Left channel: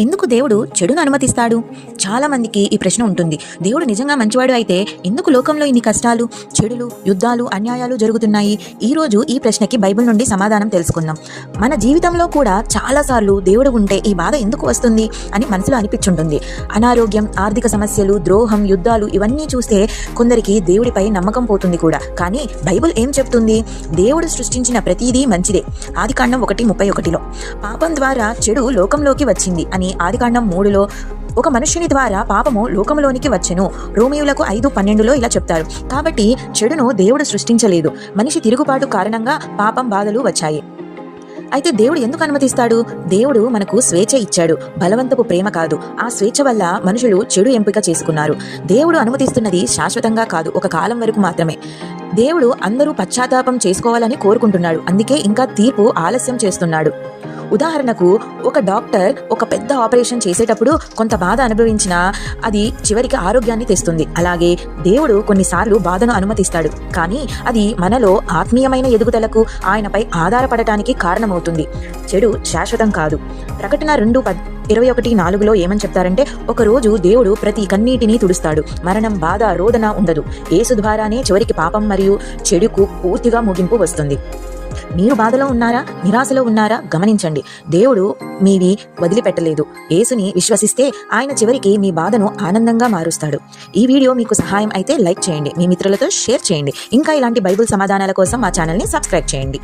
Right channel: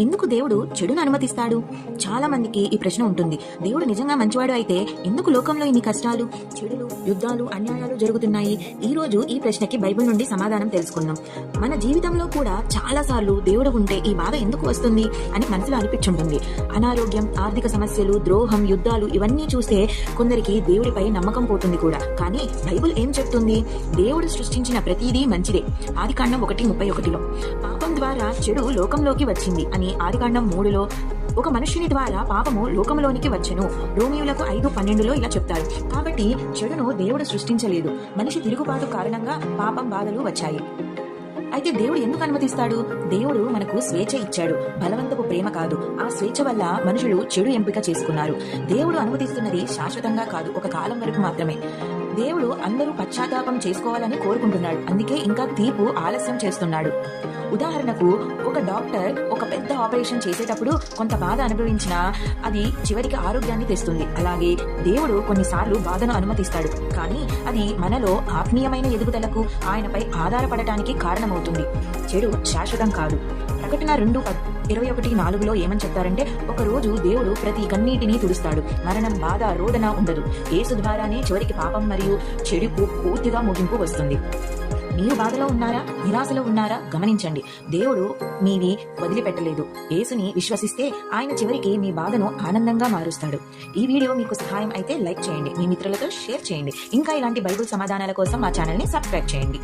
ఎందుకు దేవుడు చెడును అనుమతిస్తాడు? చాలా మందికి ఈ ప్రశ్న ఉంటుంది. దేవుడు నిజంగా మంచివాడు అయితే ఎందుకు లోకంలో ఇన్ని కష్టాలు చెడులు యుద్ధాలు అన్యాయాలు జరుగుతున్నాయి? ఈ రోజు ఈ ప్రశ్నకి బైబిల్ నుండి సమాధానం తెలుసుకుందాం. మన జీవితంలో కూడా చాలాసార్లు దేవుడు ఉంటే ఈ బాధ ఎందుకు వస్తుంది అని మనసులో అనిపించుంటుంది. అనారోగ్యం ఆర్థిక సమస్యలు ద్రోహం యుద్ధాలు ఇవన్నీ చూస్తే కొందరికి దేవుడిపై నమ్మకం పోతుంది కూడా. కానీ బైబిల్ ఏం చెప్తుంది? దేవుడు సృష్టించిన ప్రతిదీ మంచిదే. ఆదికాండం ఒకటి ముప్పై ఒకటిలో పాపం ద్వారా చెడు లోకంలోకి వచ్చింది అని ఆదికాండం మూడులో ఒక మనుష్యుని ద్వారా పాపము లోకంలోనికి వచ్చెను. రోమియులకు ఐదు పన్నెండులో ఇలా చెప్తారు. కాబట్టి చెడును దేవుడు సృష్టించలేదు. మనిషి తిరుగుబాటు కారణంగా పాపం బాధలు వచ్చాయి. అయితే దేవుడు ఎందుకు అనుమతిస్తాడు? దేవుడు మనకు స్వేచ్ఛ ఇచ్చాడు. బలవంతపు ప్రేమ కాదు. ఆ స్వేచ్ఛ వల్ల మనుషులు చెడు ఎంపిక చేసుకున్నారు. దేవుడు అనుమతిస్తున్నది శాశ్వతంగా కాదు. ఒక కాలం వరకు మాత్రమే. దేవుడు అందరూ పశ్చాత్తాపం చేసుకోవాలని కోరుకుంటున్నాడు. అందుకే ఇంకా తీర్పు ఆలస్యం చేస్తున్నాడు. ఉదాహరణకు ఒక డాక్టర్ ఒక పెద్ద ఆపరేషన్ చేసేటప్పుడు కొంత బాధ అనుభవించినా అది చివరికి ఆరోగ్యాన్ని తెస్తుంది. అలాగే దేవుడు కొన్నిసార్లు బాధను అనుమతిస్తాడు. కానీ అది మనలో ఆత్మీయమైన ఎదుగుదలకు ఆయనపై ఆధారపడటానికి కారణమవుతుంది. చెడు శాశ్వతం కాదు. ప్రకటన రెండు పద్ ఇరవై ఒకటి నాలుగులో ఏమని చెప్తారంటే ఒకరోజు దేవుడు ప్రతి కన్నీటిని తుడుస్తాడు. మరణం బాధ రోదన ఉండదు. ఏసు ద్వారానే చివరికి పాపం మరియు చెడుకు పూర్తిగా ముగింపు వస్తుంది. మీరు బాధలో ఉన్నారా నిరాశలో ఉన్నారా గమనించండి. దేవుడు మీవి వదిలిపెట్టలేదు. యేసుని విశ్వసిస్తే ఆయన చివరికి మీ బాధను ఆనందంగా మారుస్తాడు. ఈ వీడియో మీకు సహాయం అయితే లైక్ చేయండి. మీ మిత్రులతో షేర్ చేయండి. ఇంకా ఇలాంటి బైబిల్ సమాధానాల కోసం మా ఛానల్ని సబ్స్క్రైబ్ చేయండి.